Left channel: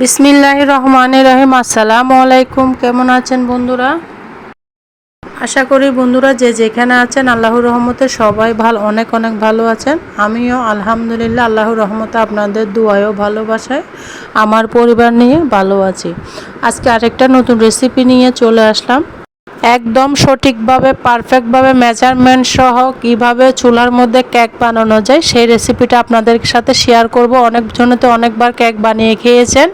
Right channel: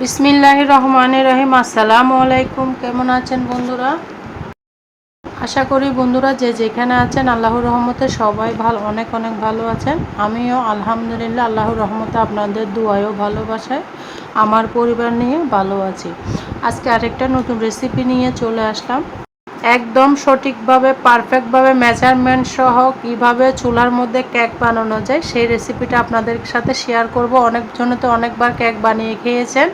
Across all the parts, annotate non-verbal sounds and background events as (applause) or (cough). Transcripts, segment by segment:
বিসমিল্লাহ রহমান রহিম। আসসালাম আলাইকুম কেমন আছেন বন্ধুরা? আশা করি বন্ধুরা যে যেখানে আছেন, আল্লাহর রহমতে সবাই ভালো অনেক অনেক ভালো আছেন। আমিও আলহামদুলিল্লাহ আল্লাহর রহমতে আপনাদের দুয়ায়ও ভালোবাসায়, আমার পরিবার নিয়ে ভালো আছি। আজকে আরেকটা নতুন রেসিপি নিয়ে চলে আসলাম। একদম সঠিকভাবে পারফেক্টভাবে মেজারমেন্ট সহ কীভাবে চুলার মধ্যে কেক বানানো যায়, সেই রেসিপিটা আপনাদের সাথে শেয়ার করব। অনেকজনে তো অনেকবার কেক বানিয়ে খেয়েছেন।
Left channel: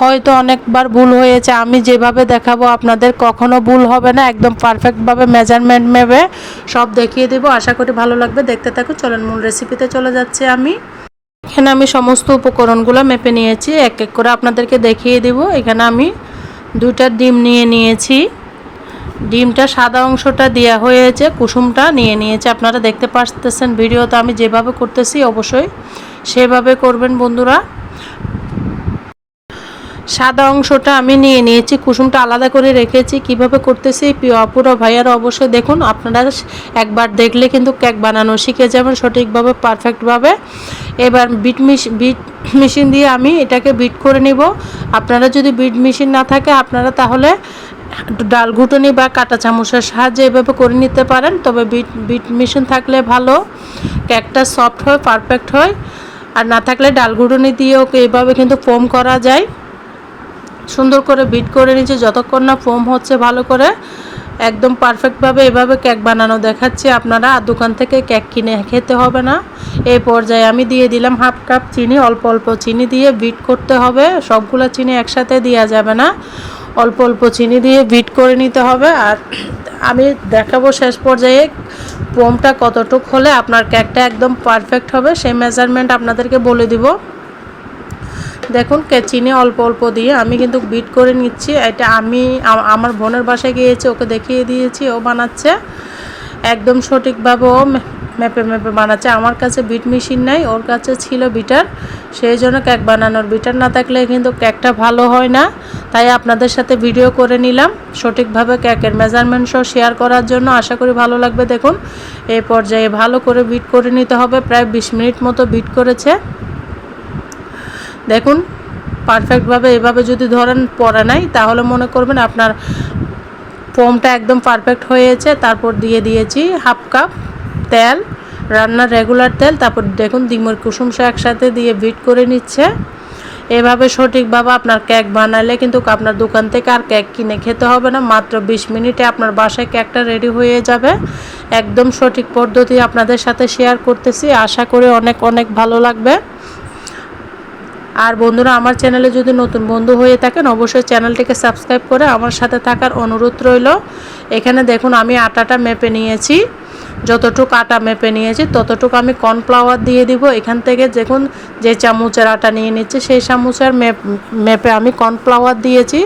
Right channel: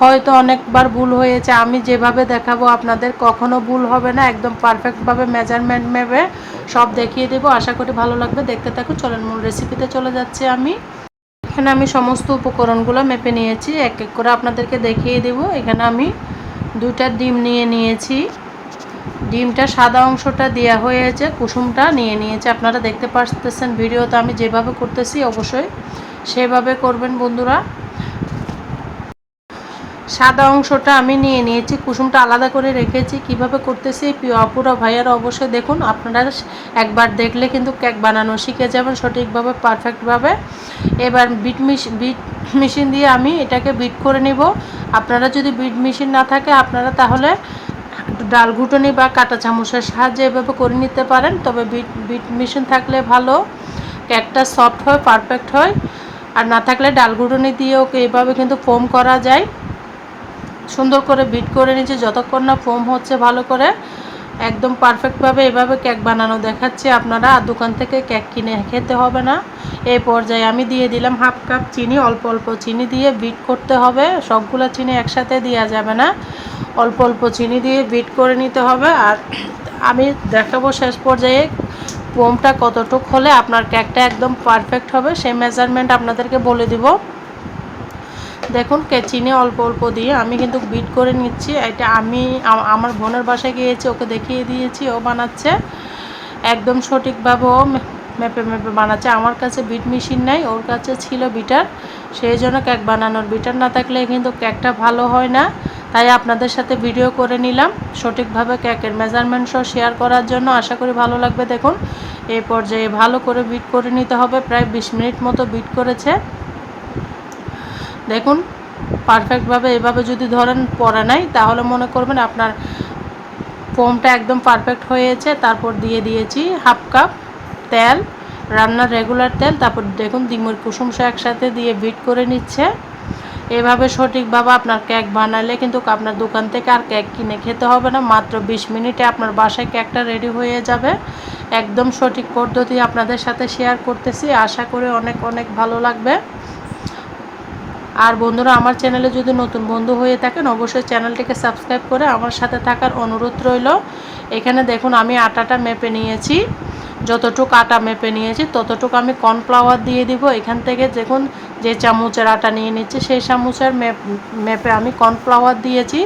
হয়তো অনেকবার ভুল হয়েছে, আমি যেভাবে দেখাবো আপনাদের কখনো ভুল হবে না। একদম পারফেক্টভাবে মেজারমেন্ট মেবে সব দেখিয়ে দেবো। আশা করি ভালো লাগবে। দেখতে থাকুন, চলেন মূল রেসিপিতে চলে যাচ্ছে আমি। এখানে আমি সমস্ত উপকরণগুলো মেপে নিয়েছি, এক এক করে আপনাদেরকে দেখিয়ে দিব। এখানে আমি দুইটা ডিম নিয়ে নিয়েছি। ডিমটা সাদা অংশটা দেওয়া হয়েছে, কুসুমটা নিয়ে নিয়েছে। আপনারা দেখতে পাচ্তেছেন ভিডিও, তো আমি যেভাবে করতেছি অবশ্যই সেভাবে করবেন বন্ধুরা। সাদা অংশটা আমি নিয়ে নিয়েছি, কুসুমটা আলাদা করে রেখেছি। কীভাবে করতেছি? পুরো ভাইয়ার অবশ্যই দেখুন, আপনারা একবার দেখলে কিন্তু কেক বানানো শিখে যাবেন সঠিকভাবে, পারফেক্টভাবে। এবার বিট মিশ বিট মেশিন দিয়ে আমি এটাকে বিট করে নিব। আপনারা যদি বিট মেশিন না থাকে, আপনারা তাহলে ডাল ঘুটনি বা কাটা চামচের সাহায্যে এভাবে করে নিতে পারেন। তবে বিট বিট মেশিন থাকলে ভালো। কেকটা সফট হয়, পারফেক্ট হয়। আর না থাকলে ডাল ঘুটনি দিয়েও এইভাবে কিন্তু ফোম করা যায়। সুন্দর করে বিট করে নিচ্ছে যতক্ষণ না ফোম হচ্ছে ভালো করে একদম পারফেক্টভাবে এভাবে কেক বানানো দেখাচ্ছি। আপনারা আর দোকান থেকে কেক কিনে খেতে হবে না। এই পর্যায়ে আমি দিয়ে দিলাম হাফ কাপ চিনি, অল্প অল্প চিনি দিয়ে বিট করতে হবে। সবগুলো চিনি একসাথে দেওয়া যাবে না। অল্প অল্প চিনি দিয়ে বিট করে নিতে হবে। আর আমি দেখাবো শেষ পর্যায়ে পোমটা কতটুক হলে আপনার কেকটা একদম পারফেক্ট হবে, সেই মেজারমেন্ট আপনাদেরকে বলে দিব। দেখুন, কে চিনি অল্প অল্প দিয়ে আমি কিন্তু বিট করে নিচ্ছি। এটা আমি আমার বোনের বাসায় গিয়েছি, ওকে দেখিয়ে দিয়েছি, ও বানাচ্ছে। একদম সঠিকভাবে ও মেপে মেপে বানাচ্ছে। আমার কাছে বিট মেশিন নাই, ওর কাছে ছিল বিটার। সেই জন্য কেক বানানোর। বিটার না থাকলে কিন্তু কেকটা ভালো হয় না। তাই আপনাদের সাথে ভিডিও করে নিলাম। সঠিকভাবে কেকের মেজারমেন্ট সহ শেয়ার করার জন্য আশা করি ভালো লাগবে। দেখুন এই পর্যায়ে ভালো করে বিট করে নিতে হবে। প্রায় বিশ মিনিট মতো বিট করেছে। দেখুন পারফেক্টভাবে এভাবে যদি ধরেন পরে নাই, তাহলে মনে করবেন আপনার ফোমটা একদম পারফেক্ট হয়েছে। তারপর দিয়ে দিয়েছি হাফ কাপ তেল, রান্নার রেগুলার তেল। তারপর দেখুন, ডিমের কুসুম একসাথে দিয়ে বিট করে নিচ্ছে। এভাবে সঠিকভাবে আপনার কেক বানালে কিন্তু আপনার দোকান থেকে আর কেক কিনে খেতে হবে না। মাত্র বিশ মিনিটে আপনার বাসায় কেকটা রেডি হয়ে যাবে। একদম সঠিক পদ্ধতি আপনাদের সাথে শেয়ার করতেছি। আশা করি অনেক অনেক ভালো লাগবে। আর বন্ধুরা, আমার চ্যানেলে যদি নতুন বন্ধু হয়ে থাকেন, অবশ্যই চ্যানেলটিকে সাবস্ক্রাইব করে আমার সাথে থাকার অনুরোধ রইল। এখানে দেখুন, আমি আটাটা মেপে নিয়েছি। যতটুক আটা মেপে নিয়েছি, ততটুকু আমি কর্নফ্লাওয়ার দিয়ে দিব। এখান থেকে দেখুন, যে চামচের আটা নিয়ে নিচ্ছি, সেই চামচের মেপ, মেপে আমি কর্নফ্লাওয়ার দিয়েছি।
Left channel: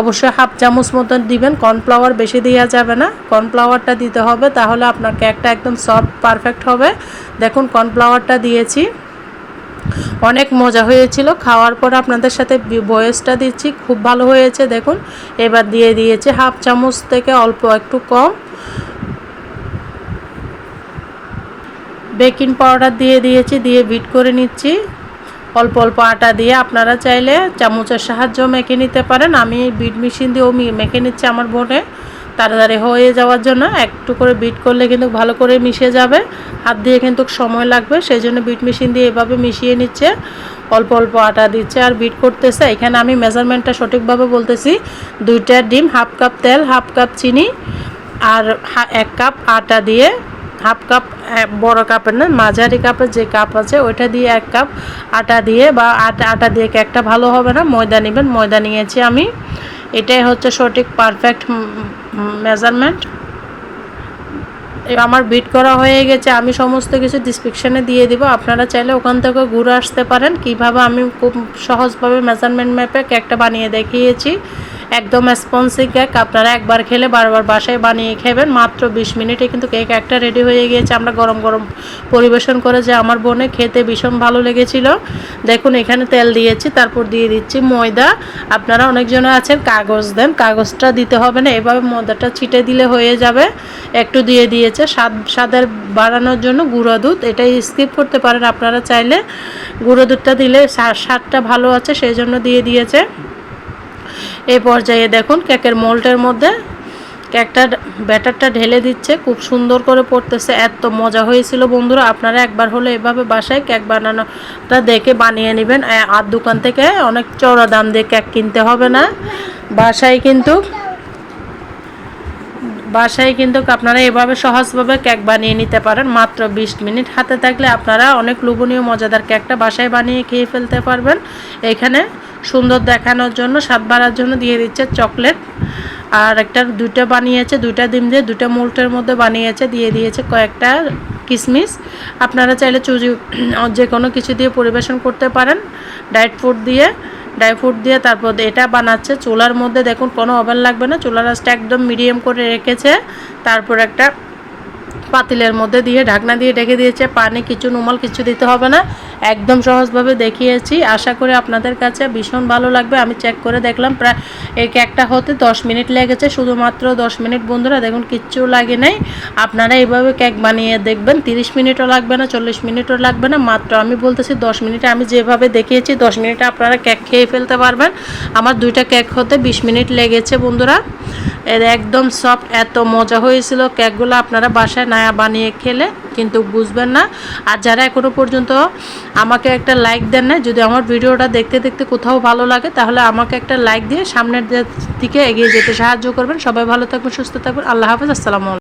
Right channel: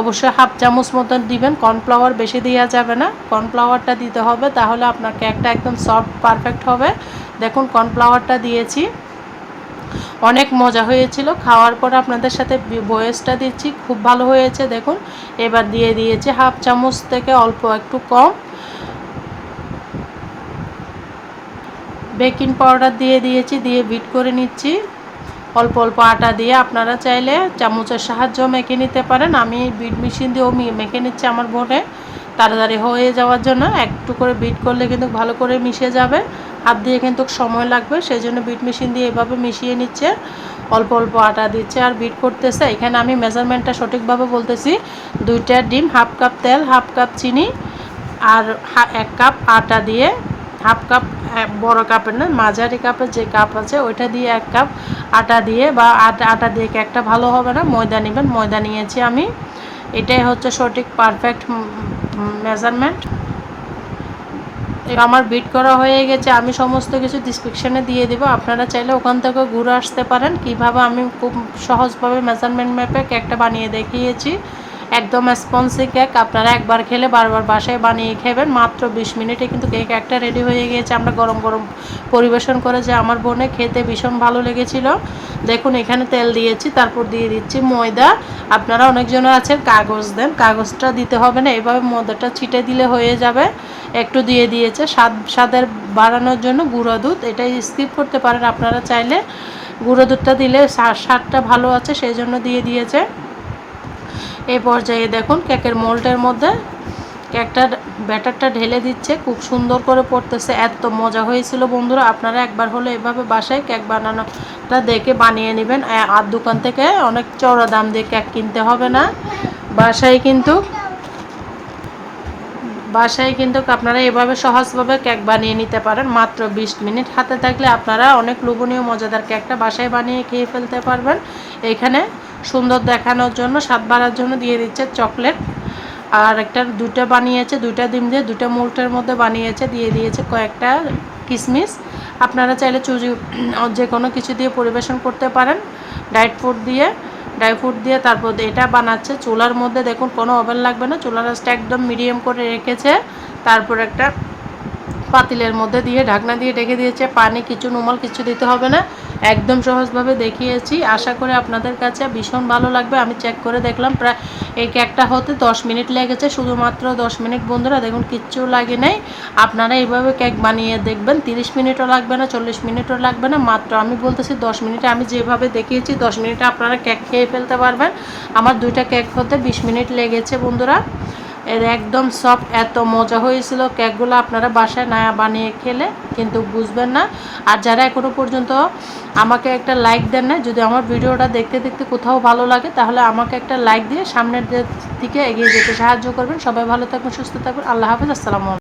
অবশ্যই হাফ চামচ মতন দিবেন কর্নফ্লাওয়ার বেশি দেওয়া যাবে না। কর্নফ্লাওয়ারটা দিতে হবে, তাহলে আপনার কেকটা একদম সফট পারফেক্ট হবে। দেখুন কর্নফ্লাওয়ারটা দিয়েছি। অনেক মজা হয়েছিল। খাওয়ার পর আপনাদের সাথে বয়সটা দিচ্ছি। খুব ভালো হয়েছে, দেখুন। এবার দিয়ে দিয়েছি হাফ চামচ থেকে অল্প একটু কম। বেকিং পাউডার দিয়ে দিয়েছি, দিয়ে বিট করে নিচ্ছি। অল্প অল্প আটা দিয়ে আপনারা চাইলে চামচের সাহায্য মেখে নিতে পারেন। আমি বিট মেশিন দিয়েও মেখে নিচ্ছি আমার বোনে। তাড়াতাড়ি হয়ে যাওয়ার জন্য একটু করে বিট করলে কিন্তু ভালো করে মিশে যাবে। হাত দিয়ে কিন্তু সময় লাগবে, সেই জন্য বিট মেশিন দিয়ে এভাবে মিশিয়ে নিচ্ছে। অল্প অল্প আটা দিচ্ছে আর বিট করতেছে। এখানে আমি মেজারমেন্টটা সঠিকভাবে বলতেছি। দুইটা ডিম হাফ কাপ তেল হাফ কাপ চিনি আর এক কাপ আটা দিয়ে হাফ কাপ বড় কাপের না, মাঝারি কাপের যে কাপ আছে, ওইটা দিয়ে এক কাপ আটা দিয়ে বা আটা আটা দিয়ে কেকটা ভালো হবে না, ময়দা নেবেন, ময়দা নিয়েছি আমি। এটাই হচ্ছে সঠিক পারফেক্ট মেজারমেন্ট আমার বিট করা হয়ে গেছে, আমি সমস্ত কিছু ডিসক্রিপশানে দিয়ে দিব। আপনারা চাইলে ওখান থেকে ঘুরে আসতে পারেন। কীভাবে আমি খুব সহজভাবে মেজারমেন্ট ম্যাপে কেকটা বানিয়ে দেখিয়েছি। একদম স্পঞ্জি কেক আপনারা একবার খেলে বারবার বাসায় বানিয়ে খেবেন, মাত্র বিশ মিনিটে কিন্তু কেক একটা রেডি হয়ে গিয়েছে। আমরা গরম গরম পরিবেশন করে যে আমার বোনে খেতে ভীষণ ভালো লেগেছিল। দেখুন, এখানে তেল দিয়েছি, তারপর দিয়ে দিচ্ছি ময়দা। আপনারা অনেকজন আছেন, কাগজ দেন, কাগজটা দিতে হবে না, এভাবে ময়দাটা ছিটে দিলে হয়ে যাবে। একটু দিয়ে দিয়েছে, স্বাদ, স্বাদের বাড়ানোর জন্য গুঁড়ো দুধ, এটাই স্কিপ করতে পারেন আপনারা চাইলে। গুঁড়ো দুধটা দিলে স্বা- স্বাদটা ভালো আছে সেই জন্য দিয়ে দিয়েছে। এই পর্যায়ে দেখুন কেকের মোল্টের মধ্যে কেকটা ব্যাটারটা ঢেলে দিচ্ছে, খুব সুন্দর করে পড়তেছে, এত মজা হয়েছিল বন্ধুরা, আপনারা একবার হলে এভাবে বাসায় কেক বানানোটা দেখে বানিয়ে নেবেন। আর দোকান থেকে অনেক চড়া দাম দিয়ে কেক কিনতে হবে না, বাসায় কিন্তু বাসায় কিন্তু আপনারা এভাবে সহজভাবে কেক বানিয়ে নিতে পারেন, মাত্র বিশ মিনিট হাতে থাকলে আপনারা অনেক লোভনীয়, মজাদার কেকটা বাসায় বানিয়ে খেয়ে ফেলতে পারবেন। এখানে সুন্দর দেখানোর জন্য, স্বাদ বাড়ার জন্য দিয়ে দিচ্ছে চকলেট। আর একটা দুইটা বানিয়েছে, দুইটা ডিম দিয়ে দুইটা মোল্টের মধ্যে বানিয়েছে, দিয়ে দিয়েছে কয়েকটা কিশমিশ আপনারা চাইলে চুজি, (clears throat) যে কোনো কিছু দিয়ে পরিবেশন করতে পারেন। ডায়েট ফুড দিয়ে ড্রাই ফ্রুট দিয়ে তারপর এটা বানাচ্ছে। চুলার মধ্যে দেখুন কোনো ওভেন লাগবে না, চুলার আঁচটা একদম মিডিয়াম করে রেখেছে। তারপর একটা পাতিলের মধ্যে দিয়ে ঢাকনা দিয়ে ঢেকে দিয়েছে। পানি, কিছু নমাল কিছু দিতে হবে না। একদম সহজভাবে দেখিয়েছি। আশা করি আপনাদের কাছে ভীষণ ভালো লাগবে। আমি চেক করে দেখলাম, প্রায় এই কেকটা হতে 10 মিনিট লেগেছে। শুধুমাত্র 10 মিনিট বন্ধুরা, দেখুন কিচ্ছু লাগে নাই। আপনারা এইভাবে কেক বানিয়ে দেখবেন। 30 মিনিটও লাগবে না 40 মিনিটও লাগবে না। মাত্র আমি বলতেছি 10 মিনিটে আমি যেভাবে দেখিয়েছি 10 মিনিটে আপনারা কেক খেয়ে ফেলতে পারবেন। আমার দুইটা কেক হতে 20 মিনিট লেগেছে বন্ধুরা। একদম সফট এত মজা হয়েছিল। কেকগুলো আপনারা বাসায় নয়া বানিয়ে খেলে কিন্তু বুঝবেন না। আর যারা এখনও পর্যন্ত আমাকে একটা লাইক দেন না যদি আমার ভিডিওটা দেখতে দেখতে কোথাও ভালো লাগে, তাহলে আমাকে একটা লাইক দিয়ে সামনের দিকে এগিয়ে যেতে সাহায্য করবেন। সবাই ভালো থাকবেন, সুস্থ থাকবেন। আল্লাহ হাফেজ, আসসালামু